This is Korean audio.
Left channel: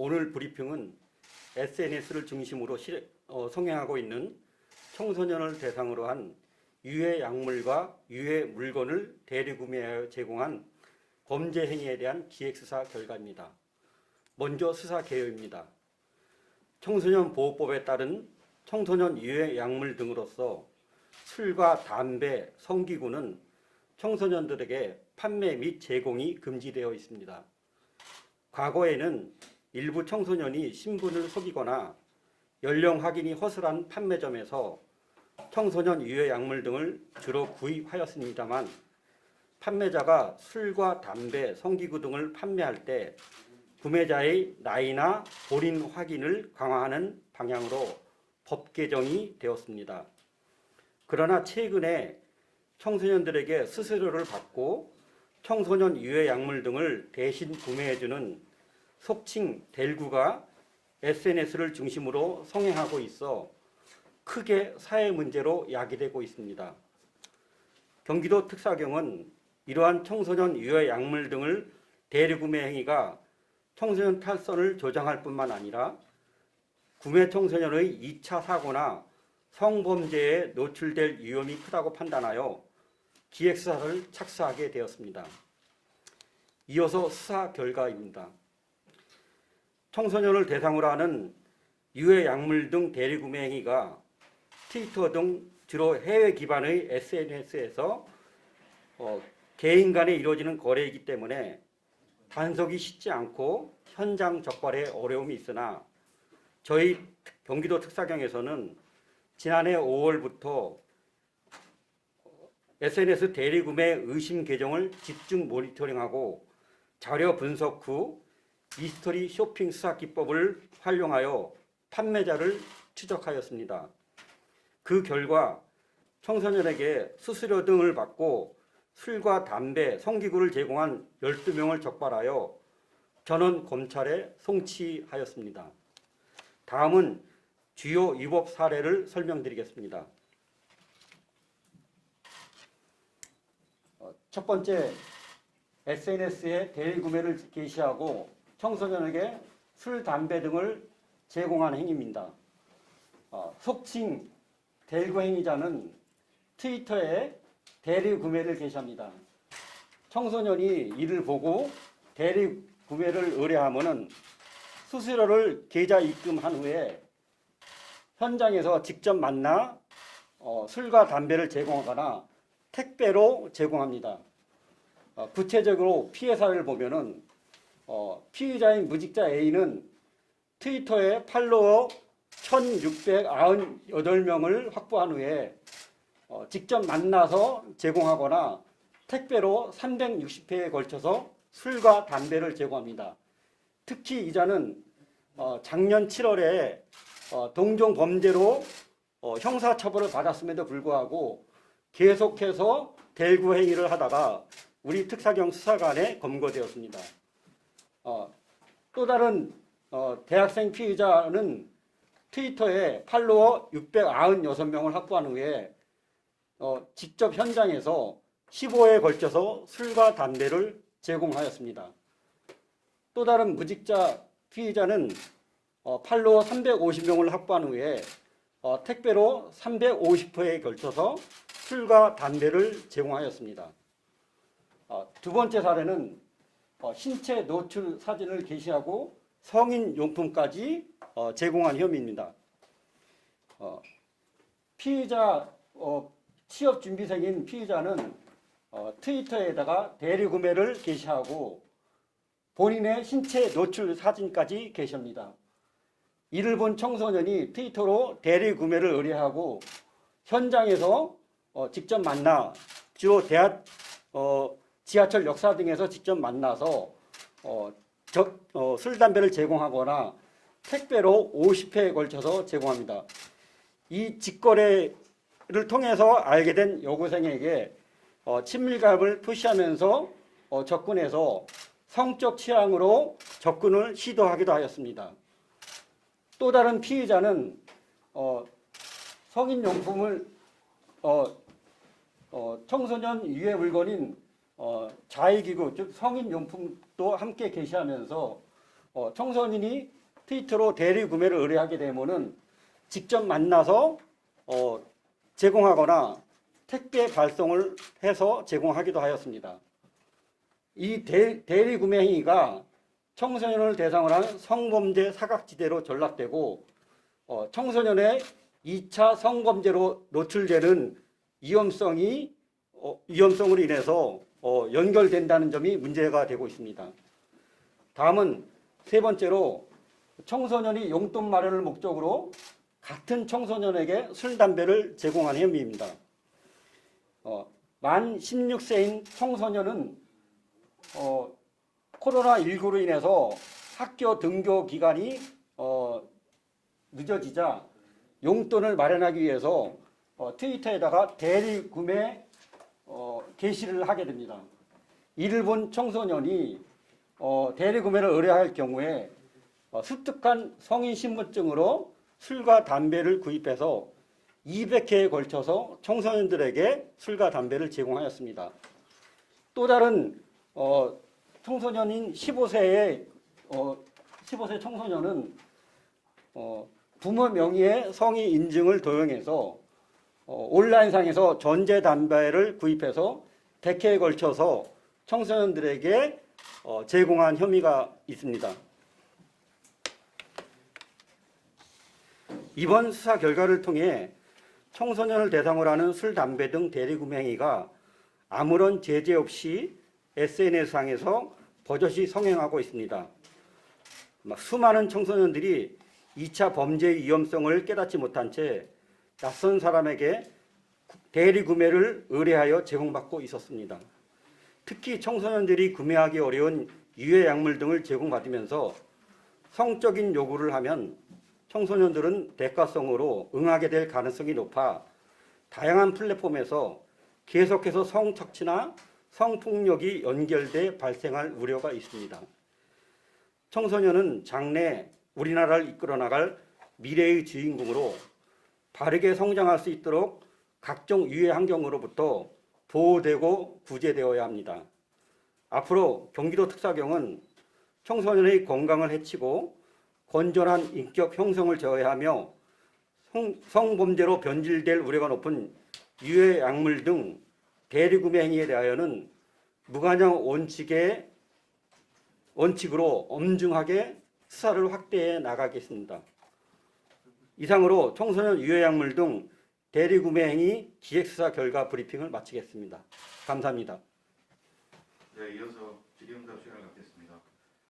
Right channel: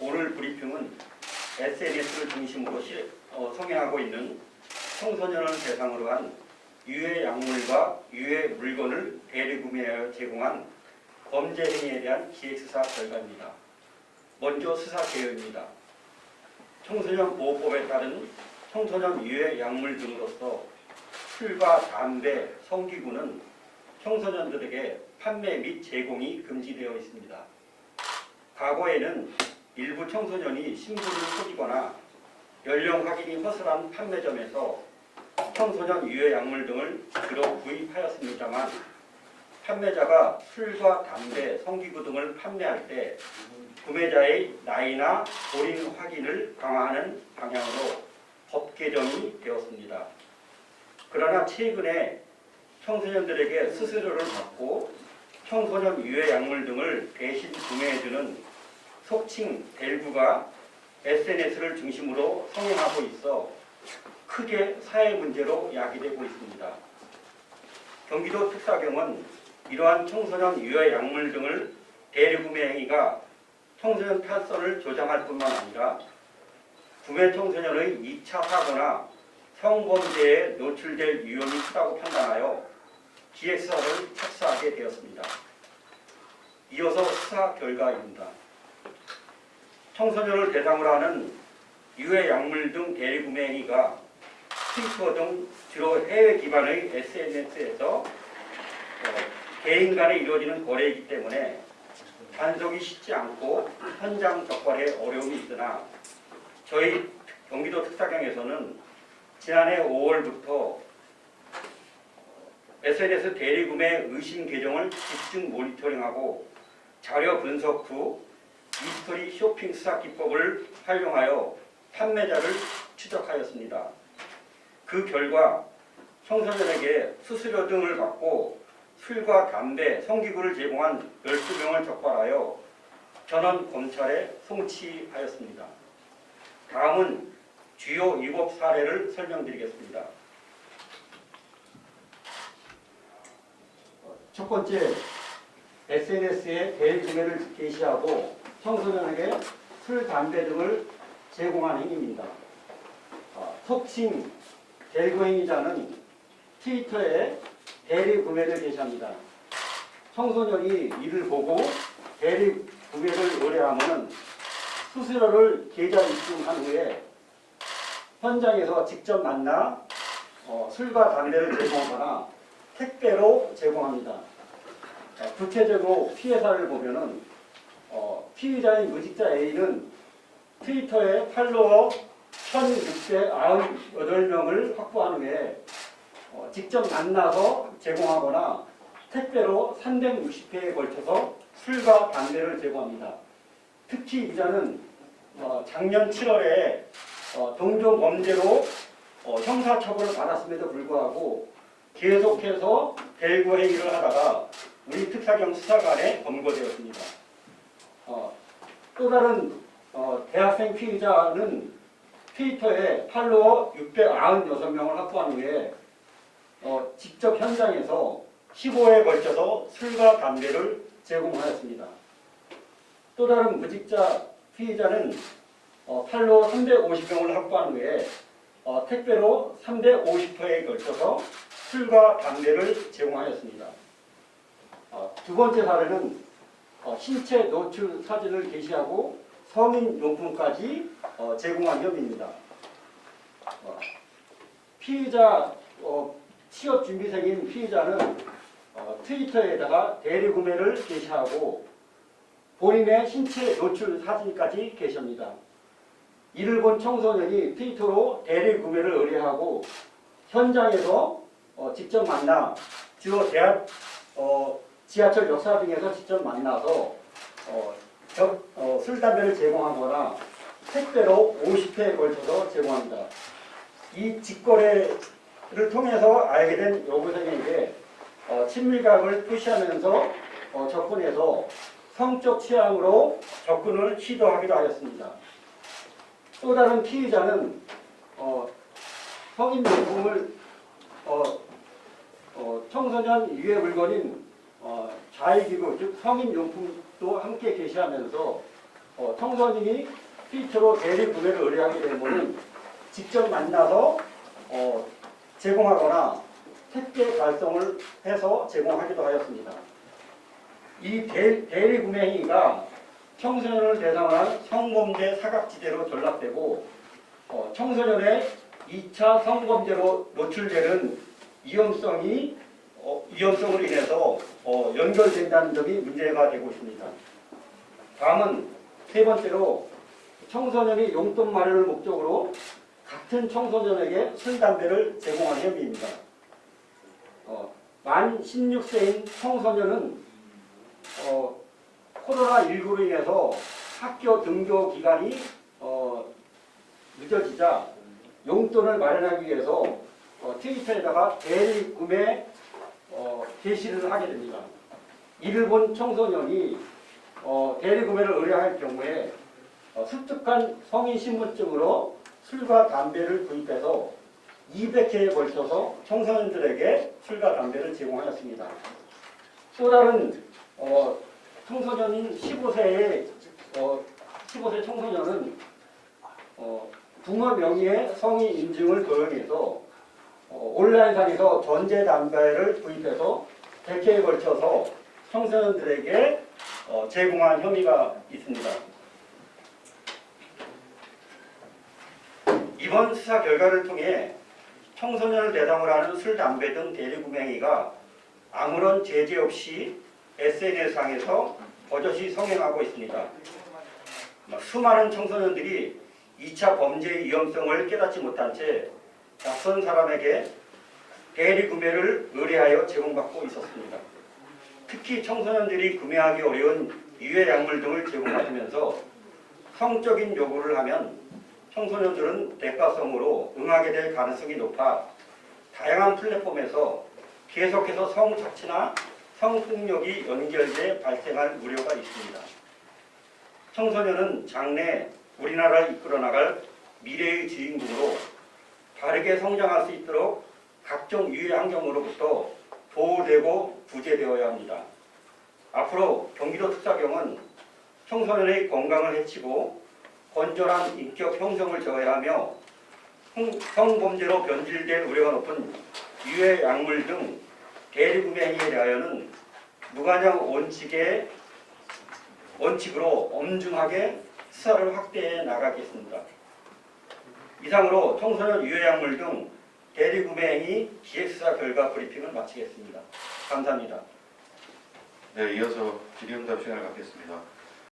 오늘 브리핑은 SNS를 중심으로 성행하고 있는 청소년을 대상으로 한 유해 약물과 유해 물건을 대리구매하여 제공한 범죄 행위에 대한 기획수사 결과입니다. 먼저 수사 개요입니다. 청소년 보호법에 따른 청소년 유해 약물 등으로서 술과 담배, 성기구는 청소년들에게 판매 및 제공이 금지되어 있습니다. 과거에는 일부 청소년이 신부를 속이거나 연령 확인이 허술한 판매점에서 청소년 유해 약물 등을 주로 구입하였습니다만, 판매자가 술과 담배, 성기구 등을 판매할 때 구매자의 나이나 본인 확인을 강화하는 방향으로 법 개정이 되었습니다. 그러나 최근에 청소년들에게 수수료를 받고 청소년 유해 약물 등을 대신 구매해주는 속칭 델구가 SNS를 중심으로 성행하고 있어 크게 사회 문제로 야기되고 있습니다. 경기도 특사경은 이러한 청소년 유해 약물 등을 대리구매 행위가 청소년 탈선을 조장할 뿐만 아니라 구매 청소년의 2차 사고나 성범죄에 노출될 위험이 크다고 판단하여 기획수사를 착수하게 되었습니다. 이어서 수사 결과입니다. 청소년을 대상으로 하는 유해 약물 등 대리구매 행위가 트위터 등 주로 해외 기반의 SNS에서 개인 간에 이루어지는 거래이기 때문에 단속이 쉽지 않고 현장 적발에 어려움이 있으나 저희 경기도 특사경에서는 지난해 5월부터 SNS 대리구매 의심 계정을 집중 모니터링하고 자료 분석 후 미스터리 쇼핑 수사 기법을 활용하여 판매자를 추적하였습니다. 그 결과 청소년에게 수수료 등을 받고 술과 담배, 성기구를 제공한 12명을 적발하여 전원 검찰에 송치하였습니다. 다음은 주요 위법 사례를 설명드리겠습니다. 첫 번째, SNS에 대리구매를 개시하고 청소년에게 술, 담배 등을 제공하는 행위입니다. 속칭 델구 행위자는 트위터에 대리구매를 개시합니다. 청소년이 이를 보고 대리구매를 의뢰하면 수수료를 계좌 입금한 후에 현장에서 직접 만나 술과 담배를 제공하거나 택배로 제공합니다. 구체적으로 피해 사례를 보면은 피의자인 무직자 A는 트위터에 팔로워 1698명을 확보한 후에 직접 만나서 제공하거나 택배로 360회에 걸쳐서 술과 담배를 제공합니다. 특히 이자는 작년 7월에 동종 범죄로 형사처벌을 받았음에도 불구하고 계속해서 델구 행위를 하다가 우리 특사경 수사관에 검거되었습니다. 또 다른 대학생 피의자는 트위터에 팔로워 696명을 확보한 후에 직접 현장에서 15회에 걸쳐서 술과 담배를 제공하였습니다. 또 다른 무직자 피의자는 팔로워 350명을 확보한 후에 택배로 350회에 걸쳐서 술과 담배를 제공하였습니다. 두 번째 사례는 신체 노출 사진을 게시하고 성인 용품까지 제공한 혐의입니다. 피의자 취업 준비생인 피의자는 트위터에다가 대리구매를 게시하고 본인의 신체 노출 사진까지 게시합니다. 이를 본 청소년이 트위터로 대리구매를 의뢰하고 현장에서 직접 만나 주요 지하철 역사 등에서 직접 만나서 술, 담배를 제공하거나 택배로 50회에 걸쳐서 제공합니다. 이 직거래를 통해서 알게 된 여고생에게 친밀감을 표시하면서 접근해서 성적 취향으로 접근을 시도하기도 하였습니다. 또 다른 피의자는 성인용품을 청소년 유해 물건인 자위기구, 즉 성인용품도 함께 게시하면서 청소년이 트위터로 대리 구매를 의뢰하게 되면은 직접 만나서 제공하거나 택배 발송을 해서 제공하기도 하였습니다. 이 대리 구매 행위가 청소년을 대상으로 한 성범죄 사각지대로 전락되고 청소년의 2차 성범죄로 노출되는 위험성으로 인해서 연결된다는 점이 문제가 되고 있습니다. 다음은 세 번째로 청소년이 용돈 마련을 목적으로 같은 청소년에게 술, 담배를 제공하는 혐의입니다. 만 16세인 청소년은 코로나19로 인해서 학교 등교 기간이 늦어지자 용돈을 마련하기 위해서 트위터에다가 대리 구매 게시를 하게 됩니다. 이를 본 청소년이 대리 구매를 의뢰할 경우에 습득한 성인 신분증으로 술과 담배를 구입해서 200회에 걸쳐서 청소년들에게 술과 담배를 제공하였습니다. 또 다른 청소년인 15세 청소년은 부모 명의의 성인 인증을 도용해서 온라인상에서 전자담배를 구입해서 100회에 걸쳐서 청소년들에게 제공한 혐의가 있습니다. 이번 수사 결과를 통해 청소년을 대상으로 하는 술, 담배 등 대리구매 행위가 아무런 제재 없이 SNS상에서 버젓이 성행하고 있습니다. 수많은 청소년들이 2차 범죄의 위험성을 깨닫지 못한 채 낯선 사람에게 대리구매를 의뢰하여 제공받고 있었습니다. 특히 청소년들이 구매하기 어려운 유해 약물 등을 제공받으면서 성적인 요구를 하면 청소년들은 대가성으로 응하게 될 가능성이 높아 다양한 플랫폼에서 계속해서 성착취나 성폭력이 연결돼 발생할 우려가 있습니다. 청소년은 장래 우리나라를 이끌어 나갈 미래의 주인공으로 바르게 성장할 수 있도록 각종 유해 환경으로부터 보호되고 구제되어야 합니다. 앞으로 경기도 특사경은 청소년의 건강을 해치고 건전한 인격 형성을 저해하며 성범죄로 변질될 우려가 높은 유해 약물 등 대리구매 행위에 대하여는 무관용 원칙으로 엄중하게 수사를 확대해 나가겠습니다. 이상으로 청소년 유해 약물 등 대리구매 행위 기획수사 결과 브리핑을 마치겠습니다. 감사합니다. 네, 이어서 질의응답 시간을 갖겠습니다.